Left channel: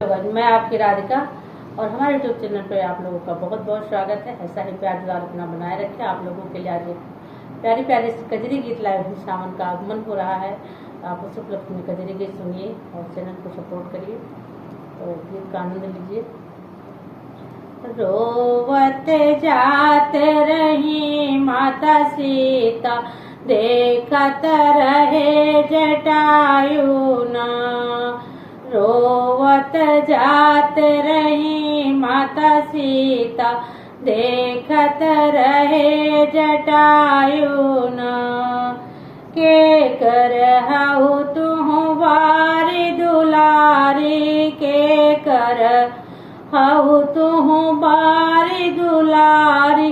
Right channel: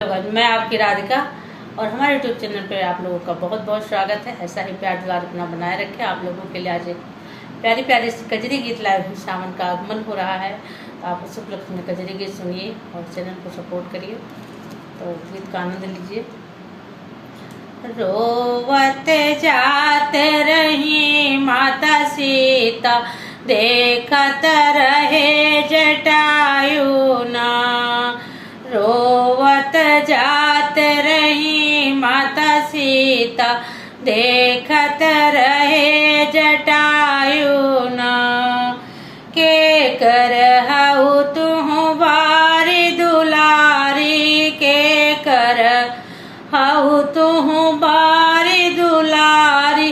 Hello, मैं आपकी राधिका और हमारे यूट्यूब चैनल पे आप लोगों का बहुत बहुत स्वागत है। ऐसा ही प्यार दुलार अपना बनाए रखें। आप लोगों के लिए आज एक प्यारी प्यारी सी कजरी गीत लाए हूँ। सावन का आगमन हो रहा है, आप उस उपलक्ष्य में कजरी गीत सुनिए और चैनल को सपोर्ट करिए। तो गीत का आनंद लीजिए। रोवत जात रही माता सीता, देखत रहे जटायु ना। रोवत जात रही माता सीता, देखत रहे जटायु ना। के कर हऊ तुहु बारी दुलारी, के कर हऊ तुहु बारी दुलारी।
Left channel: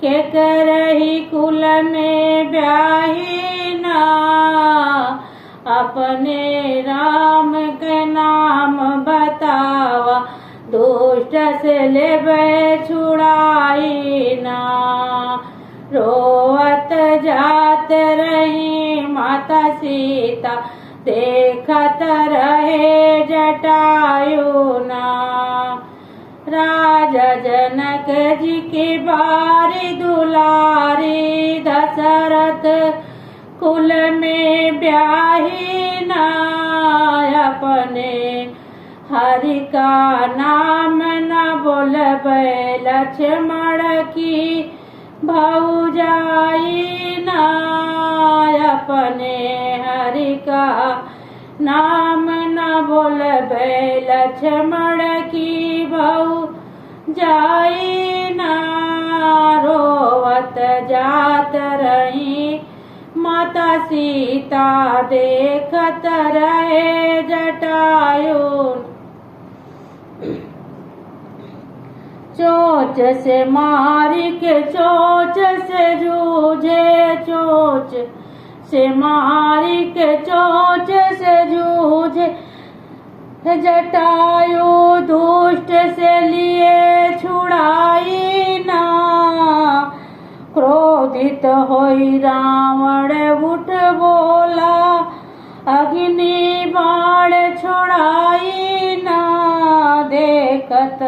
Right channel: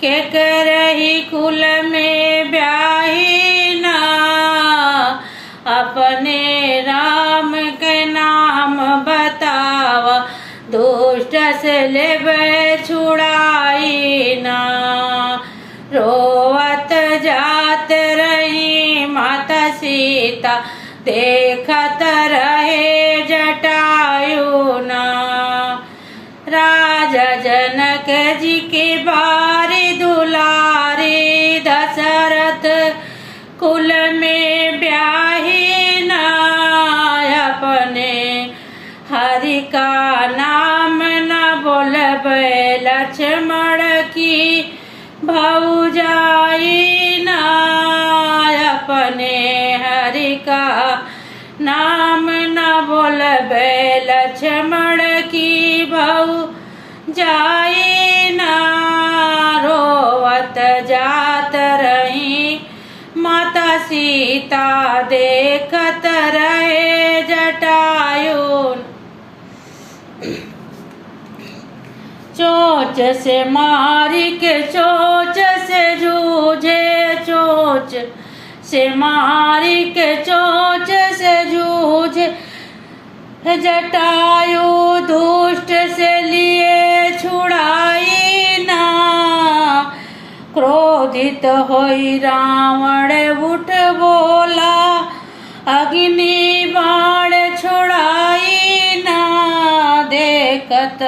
के करही कुल में ब्याही ना, अपने राम के नाम बतावा, दुष्ट से लेबे छुड़ाई ना। रोवत जात रही माता सीता, देखत रहे जटायु ना। राजा जनक जी की बारी दुलारी, दशरथ कुल में ब्याही ना। अपने हरि का नाम न बोलबे, लक्ष्मण की भौजाई ना। अपने हरि का नाम न बोलबे, लक्ष्मण की भौजाई ना। रोवत जात रही माता सीता, देखत रहे जटायु। चोच से मारी के चोच से जूझे, चोच से मारी के चोच से जूझे जटायु। दुष्ट से लिए छुड़ाई ना। क्रोधित होई रावण उठ बोला, अग्नि बाण छोड़ाई ना। देखत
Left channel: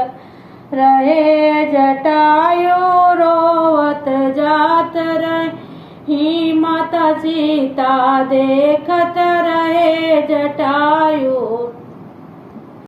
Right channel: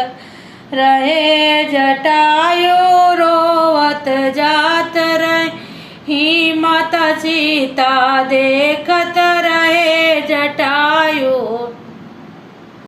रहे जटायु, रोवत जात रही माता सीता, देखत रहे जटायु